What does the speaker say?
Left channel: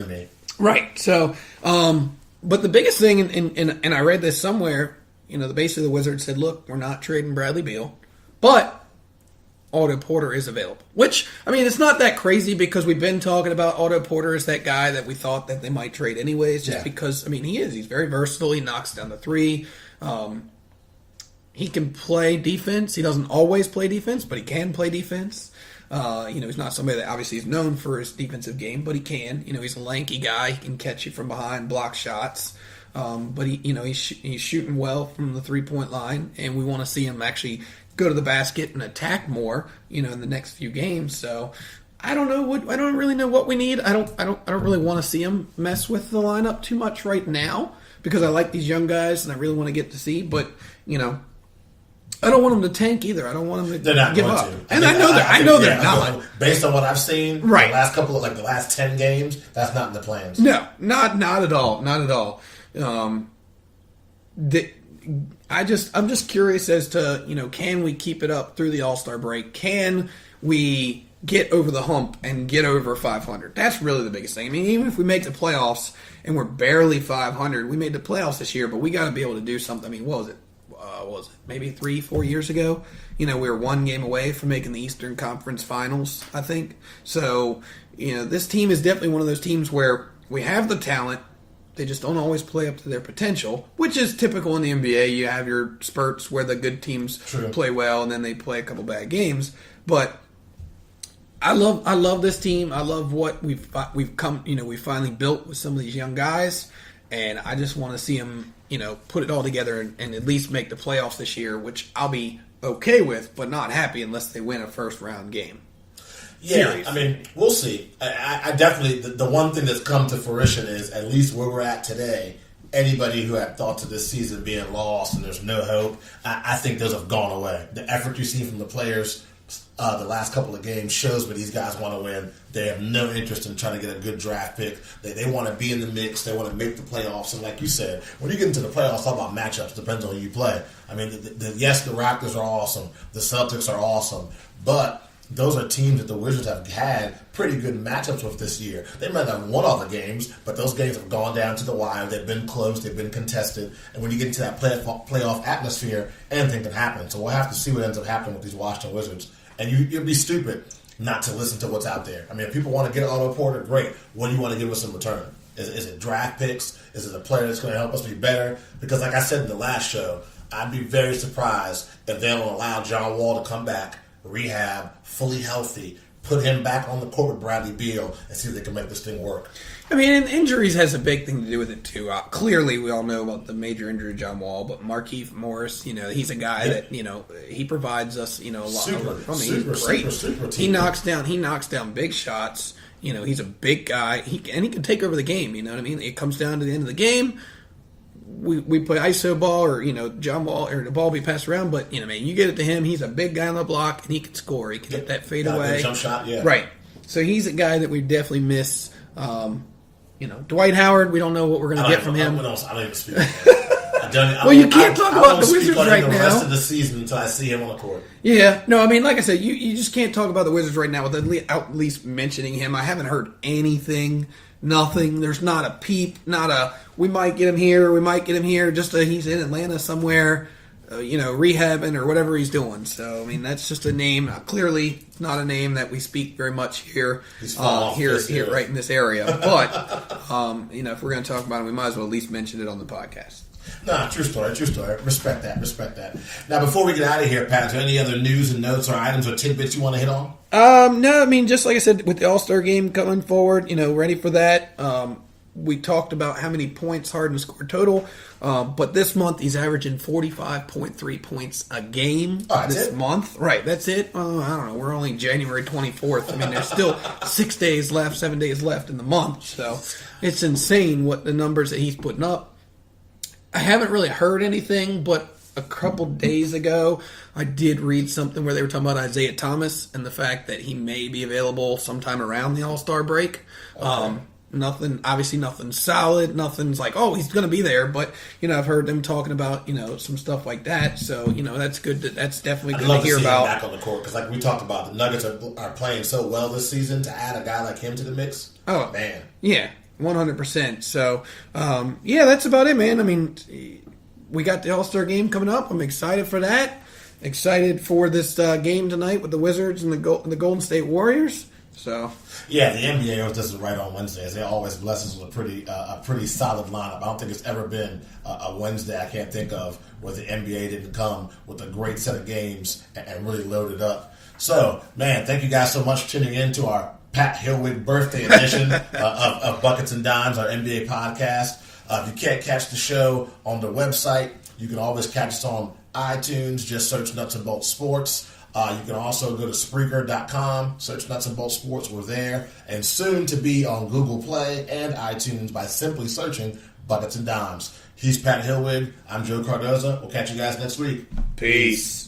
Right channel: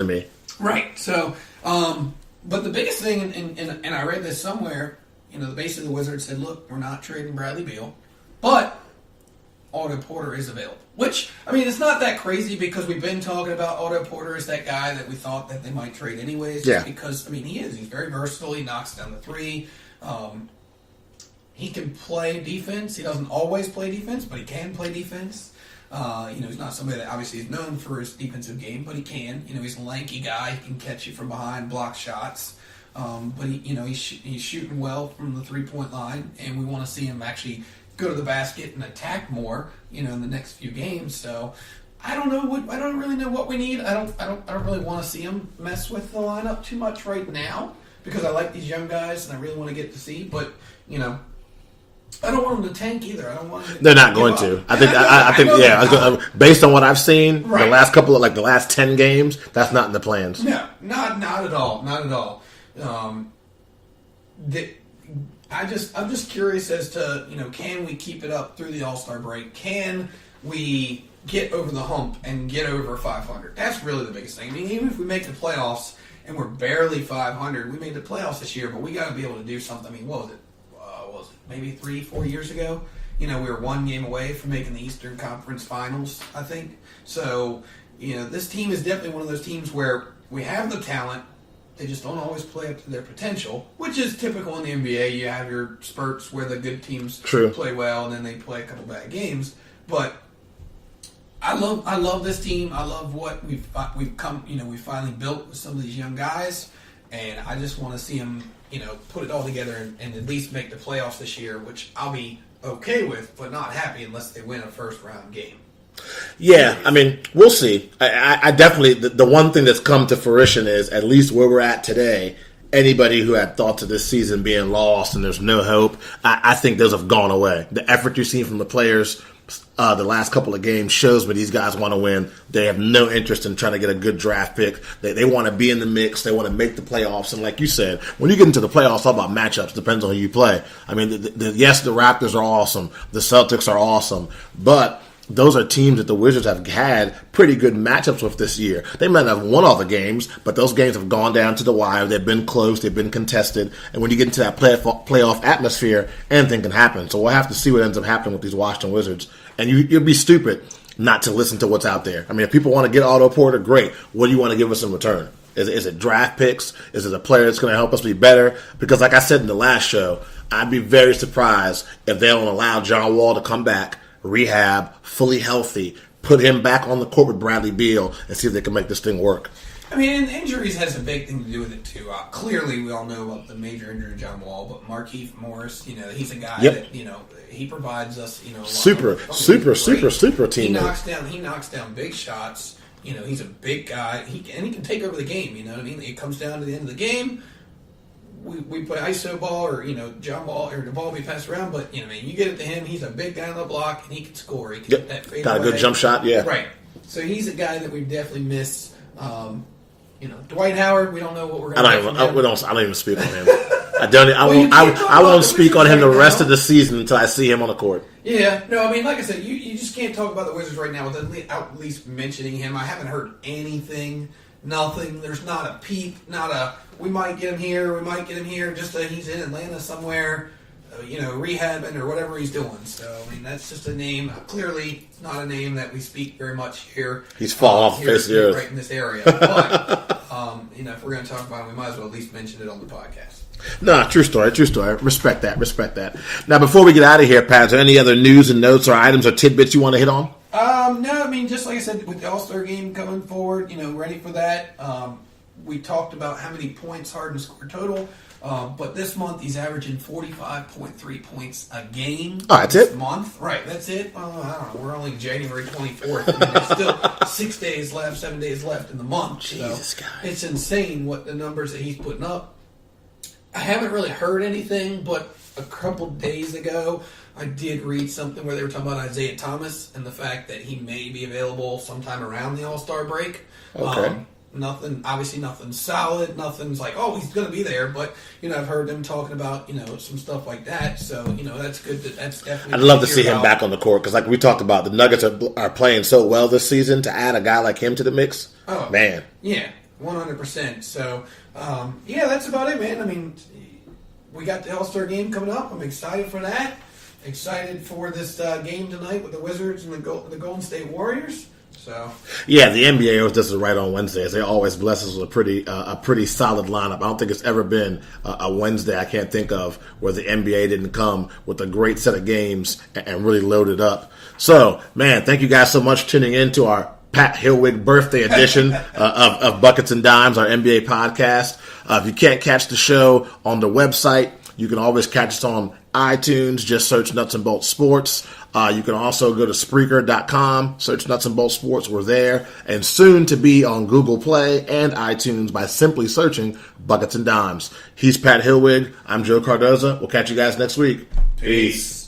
to me. Right. So, but the biggest thing, and I read this somewhere, the base of the Wizards said, look, we're not trading Bradley Beal, but Otto Porter is available. Which, it's not that crazy because we've been talking about Otto Porter as that guy that we thought that they might trade anyways. Just because, he is. He's very versatile. He knocks down the three. He can play defense. He doesn't always play defense, but he can play defense. He's not somebody that obviously is known for his defensive game, but he can. He's a lanky guy. He can catch you from behind, block shots. But he's shooting well from the 3-point line, and we want to see him actually go to the basket and attack more, in the next few games. So I don't know. I don't really know what we need. I don't really want to see him mess with the lineup too much right now because I like these young guys and I really want to get to see. But I don't want them to tank either. I don't want them to. They're not going to. I think based on what I've seen, the last couple of the last 10 games, that's not in the plans. No, not at all. Not at all. I'm just curious as to can we keep it up through the All-Star break? Can we get over the hump and get over 500? That's really the biggest thing. Even if we make the playoffs and we're barely 500, we made the playoffs this year, but we got to be able to do something. What was it? Maybe 3-4 years ago? We were one game away from making the Eastern Conference Finals, I think. So, this team is definitely one of those teams where we have the talent. They just don't always play up to their potential, which is typical in the NBA. You have your spurts where the good teams play well, and then they play a couple bad games. But I love this team. I love what we've come. We finally built with some of these young guys, and I just want to see them, put it all together and at least make the playoffs this year, which I'll be okay with, but not happy unless they win a first round game. Yeah, we'll see. I definitely, the one thing that's come to fruition is at least where we're at today, anybody who had thoughts of this season being lost and there's no hope, I think those have gone away. The effort you've seen from the players the last couple of games shows me these guys want to win. They have no interest in trying to get a good draft pick. They want to be in the mix. They want to make the playoffs. And like you said, when you get into the playoffs, it's all about matchups. Depends on who you play. Yes, the Raptors are awesome. The Celtics are awesome. But those are teams that the Wizards have had pretty good matchups with this year. They might not have won all the games, but those games have gone down to the wire. They've been close. They've been contested. And when you get into that playoff atmosphere, anything can happen. So we'll have to see what ends up happening with these Washington Wizards. And you'd be stupid not to listen to what's out there. If people want to get Otto Porter, great. What do you want to give us in return? Is it draft picks? Is it a player that's going to help us be better? Because like I said in the last show, I'd be very surprised if they don't allow John Wall to come back, rehab, fully healthy, put him back on the court with Bradley Beal, and see if they can make this thing work. Injuries has a big thing to do with it, too. Clearly, we all know about the major injury of John Wall, but Markieff Morris, he's a guy that, he provides us, a lot. Super team. He knocks down big shots. He's a big guy. He can take over the game, It comes down to the end of the game. We play iso ball or, John Wall, or the ball be passed around, but, you get it to him, he's a big guy on the block, and he can score. He can hit that fade away. Got a good jump shot, yeah. Right. So he's a guy that we definitely miss. Dwight Howard, we don't know what we're going to get from him. I don't even speak on him. I won't speak on him the rest of the season until I see him on the court. Yeah. No, like I said, you just can't talk about the Wizards right now without at least mentioning him. I haven't heard anything. Nothing. There's not a peep. We might get him here. We might get him here. Just he's in Atlanta somewhere, rehabbing or whatever he's doing. So, that's just a name. Clearly, not a name that we speak very much here. He's fallen off here right in this area. But, if we're going to talk about him, we might as well at least mention it on the podcast. No, true story. Respect that. Now, before we get out of here, Pat, is there any other news and notes or items or tidbits you want to hit on? No, just like I said, with the All-Star game going forward, ready for that. We talked about how many points Harden scored total. But this month, he's averaging 45.3 points a game. Oh, that's this it? month. Right, that's it. I don't know. We're only January 24th. There's still 7 days left in the month. So it's insane what the numbers that he's putting up. I haven't really heard anything, but a couple days ago, I did read something where they were talking about Isaiah Thomas and the fact that he may be available sometime around the All-Star break. Okay. Nothing solid. Nothing's like, oh, he's going to be there. But, I've heard them talking about, some stuff like that. So, that's good. That's definitely I'd love to see him back on the court because like we talked about, the Nuggets are playing so well this season. To add a guy like him to the mix, oh, man. Yeah. 100%. So, yeah, that's about it, man. I mean, we got the All-Star game coming up. I'm excited for that. Excited for this game tonight with the Wizards and the Golden State Warriors. So yeah, the NBA always does it right on Wednesdays. They always bless us with a pretty solid lineup. I don't think it's ever been a Wednesday I can't think of where the NBA didn't come with a great set of games and really load it up. So, man, thank you guys so much for tuning in to our Pat Hilwig birthday edition of Buckets and Dimes, our NBA podcast. If you can't catch the show on the website, you can always catch us on iTunes. Just search Nuts and Bolts Sports. You can also go to Spreaker.com, search Nuts and Bolts Sports. We're there. And soon to be on Google Play and iTunes by simply searching Buckets and Dimes. He's Pat Hilwig. I'm Joe Cardoza. We'll catch you guys next week. Peace.